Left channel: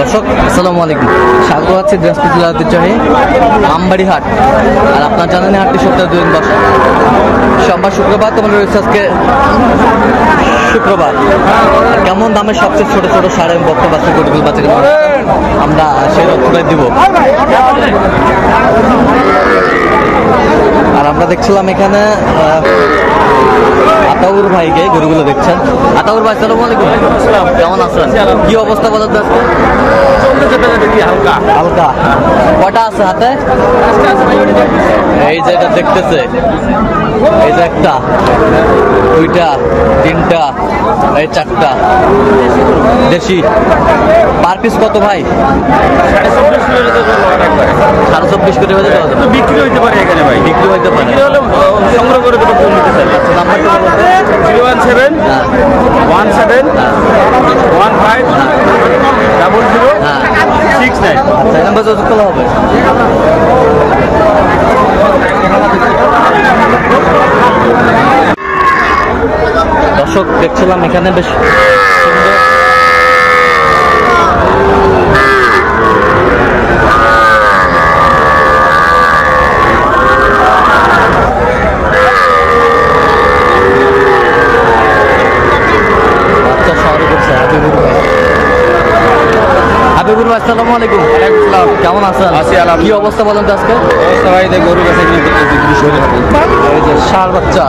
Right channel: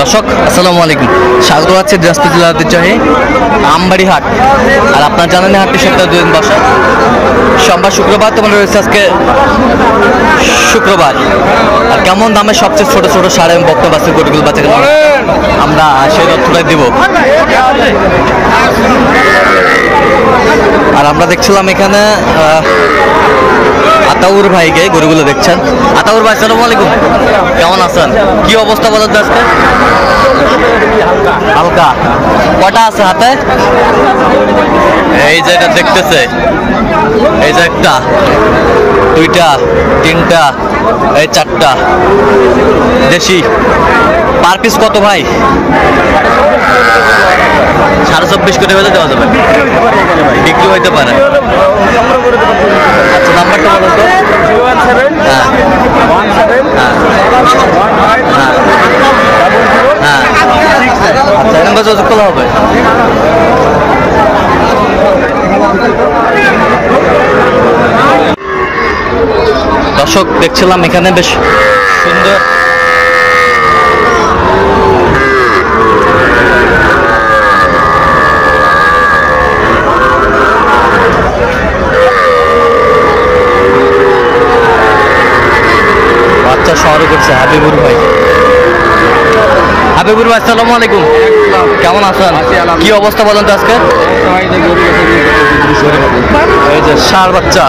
দর্শক আসসালামু আলাইকুম, স্বাগত আছে দিনাজপুর জেলার ঐতিহ্যবাহী আমবাড়ি হাট। আর আপনার জানেন হাটটি সপ্তাহে 2 দিন বসে, সোমবার শুক্রবার। তোমার রয়েছে আজকে শুক্রবার। আর কেমন দামে সবচেয়ে ছোট ছোট সার এবং বক্তা বাচ্চা গরুগুলো বাচ্চা আমরা সেই তথ্যটাই দিব। আর আমরা দেখছিলাম এখানে আতাউর ভাইকে গরুগুলো দেখছেন। আতাউর ভাই আসসালামু আলাইকুম, কেমন আছেন? কি অবস্থা বলেন তো আজকে? হালকা কটা আছে হাতে? এই যে এটা দেখতেছে, এই যে একটা, দুইটা, তিনটা, এই চারটা দেশি। পার পিস কত ভাই? 24.5 করে বেঁধে দেওয়া যাবে, বিক্রি হইতে পারে। আচ্ছা নাম্বারটা বলো তো। 017 আচ্ছা এই নাম্বার যোগাযোগ করলে হবে। দর্শক দেখছিলাম এখানে বেশ সুন্দর বাচ্চা শহরে করছে হাবিবুর ভাই। হাবিবুর ভাই আসসালামু আলাইকুম, কেমন আছেন? কি অবস্থা বলেন তো আজকে? এই যে ষাঁড় বাচ্চা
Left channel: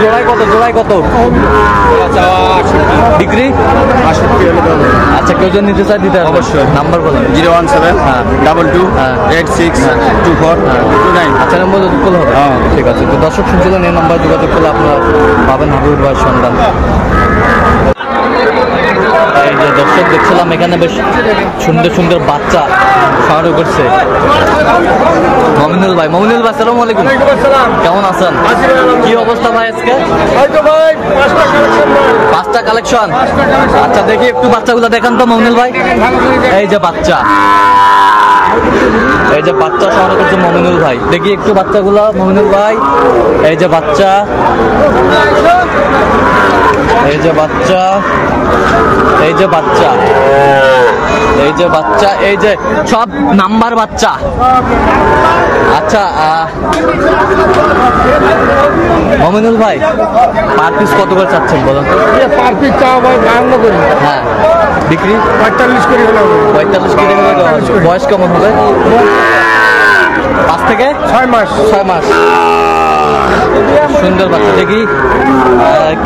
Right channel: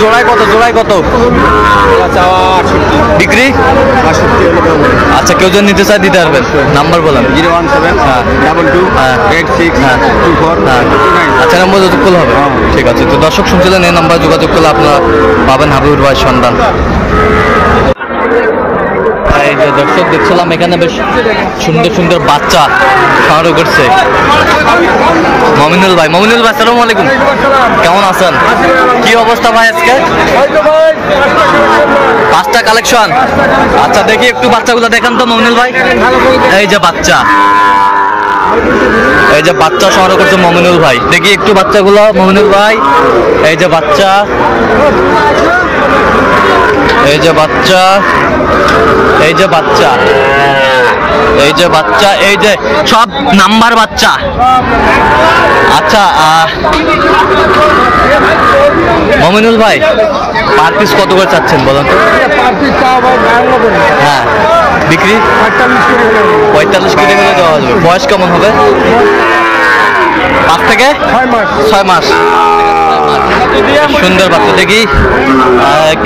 জোড়ায় কত? জোড়ায় কত বিক্রি? আচ্ছা কেউ যদি নিতে চায় দিতে পারবেন। নাম্বার বলেন। 017228624। আচ্ছা নাম্বার যোগাযোগ করলে হবে। ঠিক আছে, তো দর্শক শুনছিলেন এই নাম্বার যোগাযোগ করলে আপনারা পাবেন হাবিবুর ভাই সন্ধান। এই যে দর্শক দেখছিলাম এখানে বেশ সুন্দর সুন্দর বাচ্চা সংগ্রহ করছে মমিনুল ভাই। মমিনুল ভাই আসসালামু আলাইকুম, কেমন আছেন? কি অবস্থা ভাই আজকে? 5টা কালেকশন। আচ্ছা দেখি একটু বাচ্চাগুলো দেখান তো মমিনুল ভাই। এই যে বাচ্চা, এই যে বাচ্চা সংগ্রহ করছে মমিনুল ভাই। দেখি একটু বাচ্চাগুলো মমিনুল ভাই। এই যে বাচ্চা, এই যে বাচ্চা, এই যে বাচ্চা, এই যে বাচ্চা, এই যে সব নাম্বার বাচ্চা। আচ্ছা মমিনুল ভাই পার পিস কত করে চাচ্ছেন বলুন তো? হ্যাঁ বিক্রি 45 করে দেওয়া হবে। বয়স কেমন হবে? 5 থেকে 6 মাস। সুন্দর বাচ্চা। দেখি 1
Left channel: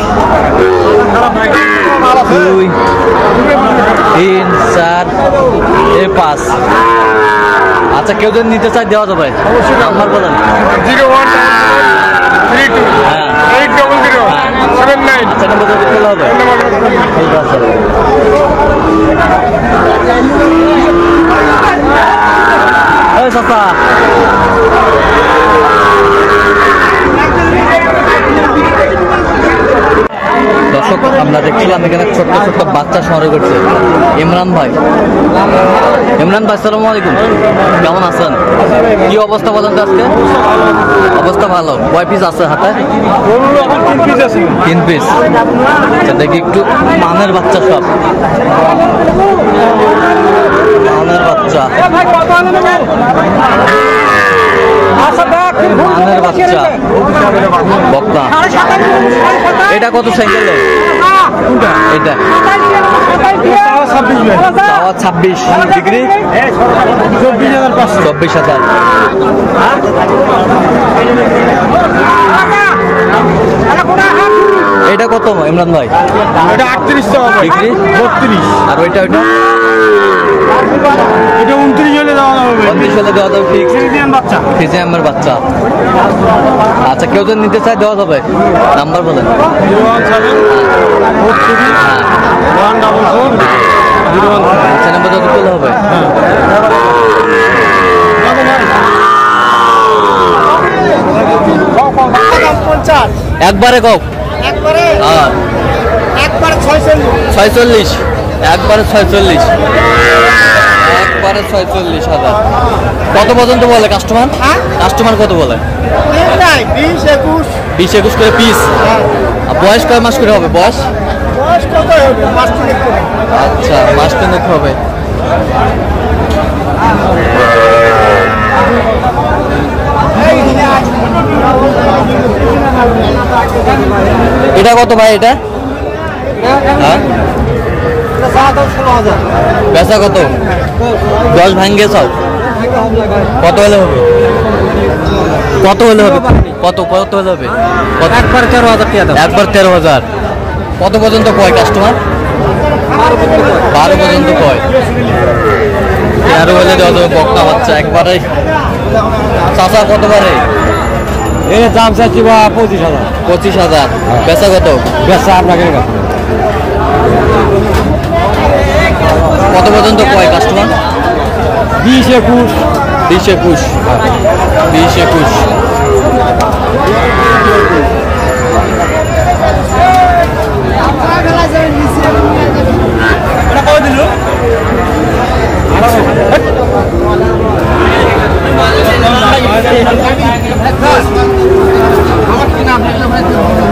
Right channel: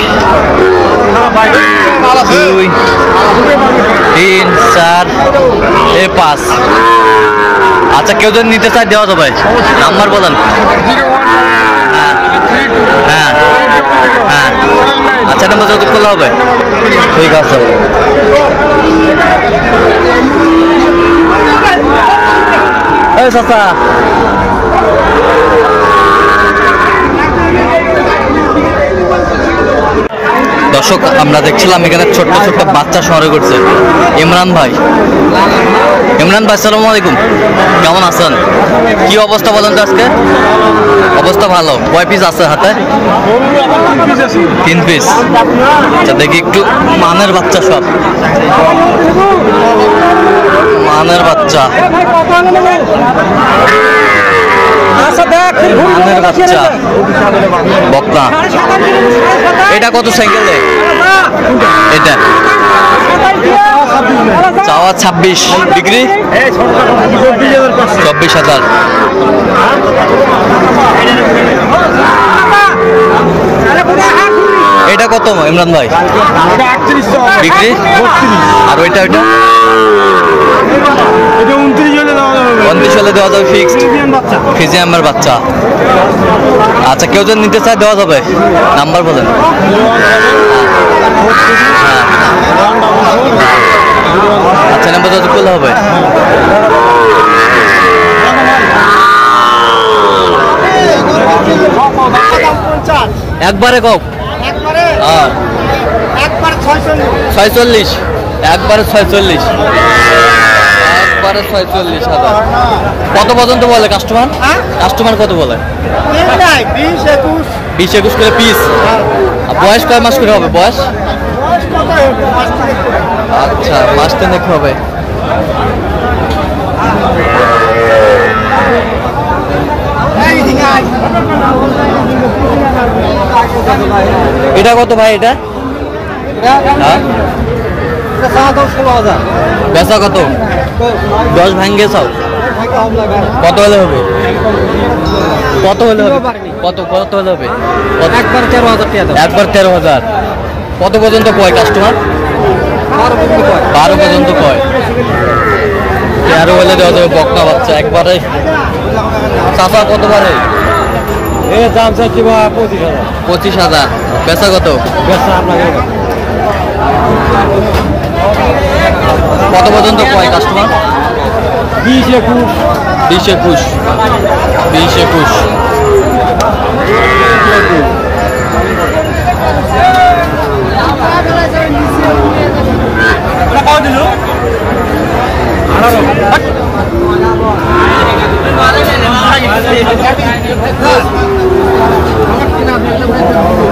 2 3 4 5। আচ্ছা কেউ যদি নিতে চায় দেওয়া যাবে। নাম্বার বলেন। হ্যাঁ হ্যাঁ আচ্ছা নাম্বার যোগাযোগ করলে হবে। ঠিক আছে। এই চাচা দর্শক আমরা দেখছিলাম এখানে ছোট্ট ছোট্ট বাচ্চা সংগ্রহ করছে ইমরান ভাই। ইমরান ভাই আসসালামু আলাইকুম, কেমন আছেন? কি অবস্থা বলেন তো আজকে? অবস্থা ভালো। কয় পিস আছে হাতে? 3 পিস। আচ্ছা দেখি একটু মানের বাচ্চা, সব মানের বাচ্চা, মানের বাচ্চা বকনা। এটা কত সাইকেলে? এটা চাওয়া 26, বিক্রি 24,000। এটা কত ইমরান ভাই? বিক্রি? আর ওইটা ওইটা 29 হলে দেওয়া যাবে ফিক্সড। ফিজিয়ামের বাচ্চা। আচ্ছা কেউ যদি নিতে চায় দেওয়া যাবে। নাম্বার বলেন। আচ্ছা নাম্বার যোগাযোগ করলে হবে। একবারে কও। 46, একবারে 46, একবারে 46,000। কত পর্যন্ত বলে কাস্টমার? কাস্টমার কত বলে? 20-21 করে পিস। বয়স কয় মাস করে হবে? বয়স আচ্ছা, মাস তিনেক হবে। এটা কত ভাই? এটা হ্যাঁ, বেচা কত? 10 ভাঙ্গে চাও? কত হলে হবে? কত হলে হবে? কত কত হলে হবে? একবার 13,000 টাকা। একবার 13,000। কত পর্যন্ত কয় কাস্টমার? 12 পর্যন্ত কয়। 13 হলে দেওয়া যাবে বকনা বাচ্চা একবারে। চাচা কত পারে? এই দাম চাচ্ছি বা 25,000। 25,000। বেচা কত? বেচা আপনাকে কত পর্যন্ত কয় কাস্টমার? 20-21। 20-21। 20-21।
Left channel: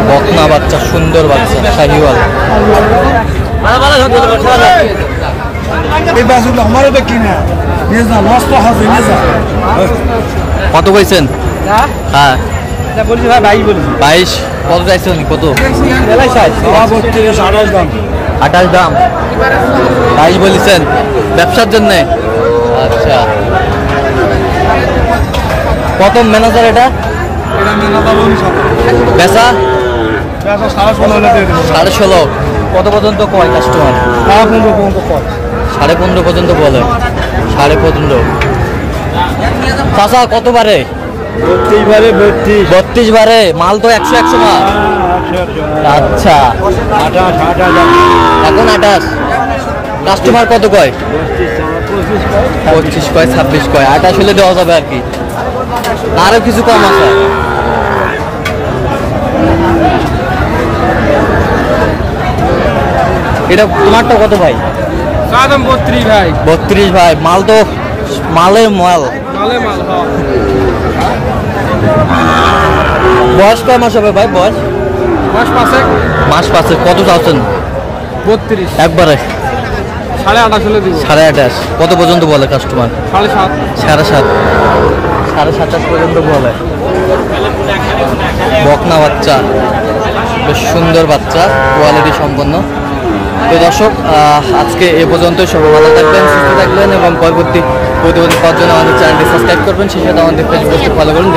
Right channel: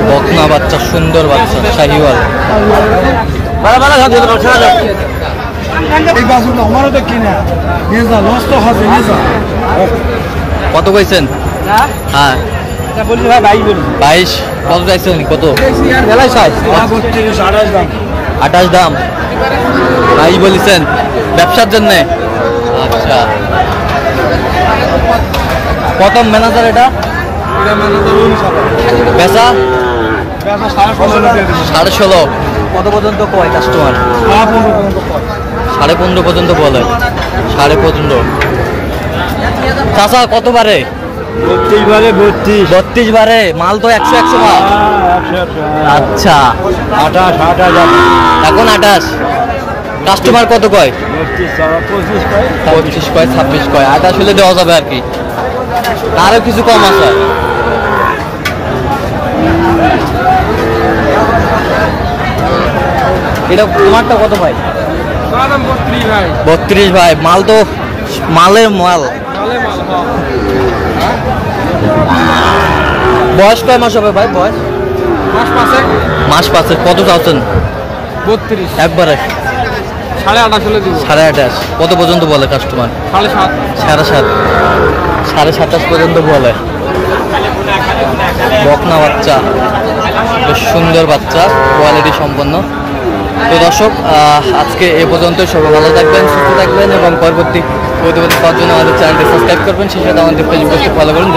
বকনা বাচ্চা, সুন্দর বাচ্চা, শাহিওয়াল। কত কইছেন? হ্যাঁ বলছি ভাই 22 বলছি। 22। কত চাইছে উনি? কত? 28 দাম। 22 বলেছেন ব্যবসার জন্য? আচ্ছা, কত ম্যানেজার এটা? বেচা 16.5। কত পর্যন্ত কয় কাস্টমার? 15.5 পর্যন্ত বলে। 15.5। চাচা কত বারে? 32 বারে। মাল তো 100 মাল। আচ্ছা, এখন 28। কাস্টমার কত কয়? 25 কয়, 26 কয়। 28 হলে দেওয়া যাবে আর কি। আরো কিছু কম আছে। এটা তোমারটা কত ভাই? 32 ভাই। মাল তো মালের মাল। বয়স কয় মাস হবে ভাই? বয়স মাস 5। কত চাচ্ছেন? 32। একবারে 28.5 হলে দিব। 28.5। কত পর্যন্ত বলে কাস্টমার? 7.5। 7.5। 27.5 পর্যন্ত বলে। বকনা বাচ্চা, বেশ সুন্দর বাচ্চা, কোয়ালিটি সম্পন্ন। তো দর্শক, আজকে এ পর্যন্ত। সবাই ভালো থাকবেন, সুস্থ থাকবেন এবং পরবর্তী প্রতিবেদন পাওয়ার জন্য আমাদের চ্যানেলটি সাবস্ক্রাইব করবেন। সেই সাথে আমাদের ফেসবুক পেজটি ফলো করুন।